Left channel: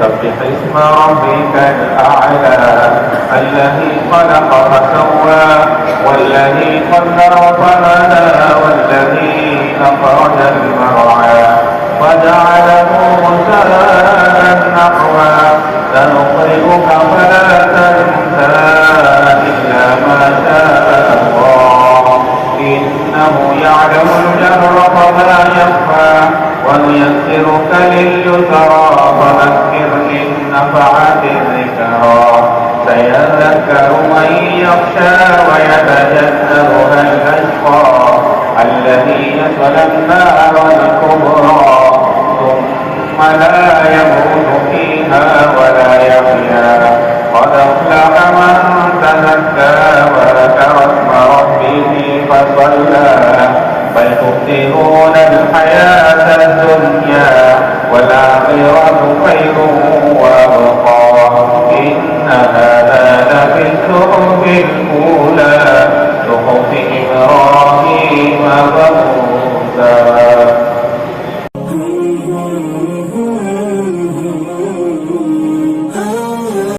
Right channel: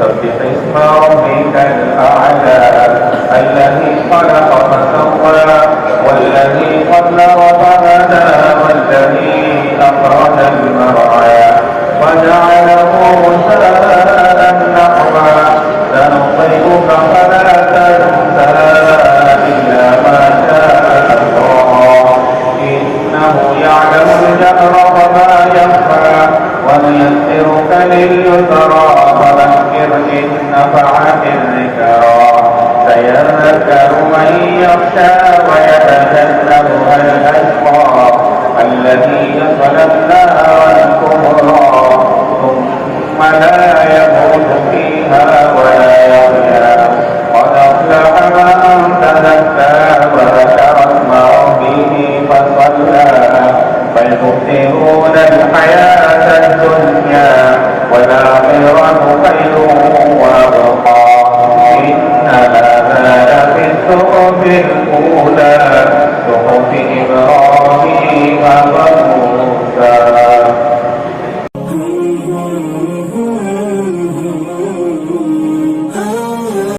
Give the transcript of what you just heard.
سبح اسم ربك الأعلى الذي خلق فسوى والذي قدر فهدى والذي أخرج المرعى وجعله غثاء نحوا سنقرئك فلا تنسى إلا ما شاء الله إنه يعلم الجهر وما يخفى ونيسرك لليسرى فذكر إن نفعت الذكرى سيذكر من يخشى ويتجنبها الأشقى الذي يصلى النار الكبرى ثم لا يموت فيها ولا يحيا قد أفلح من تزكى وذكر اسم ربه فصلى بل تؤثرون الحياة الدنيا والآخرة خير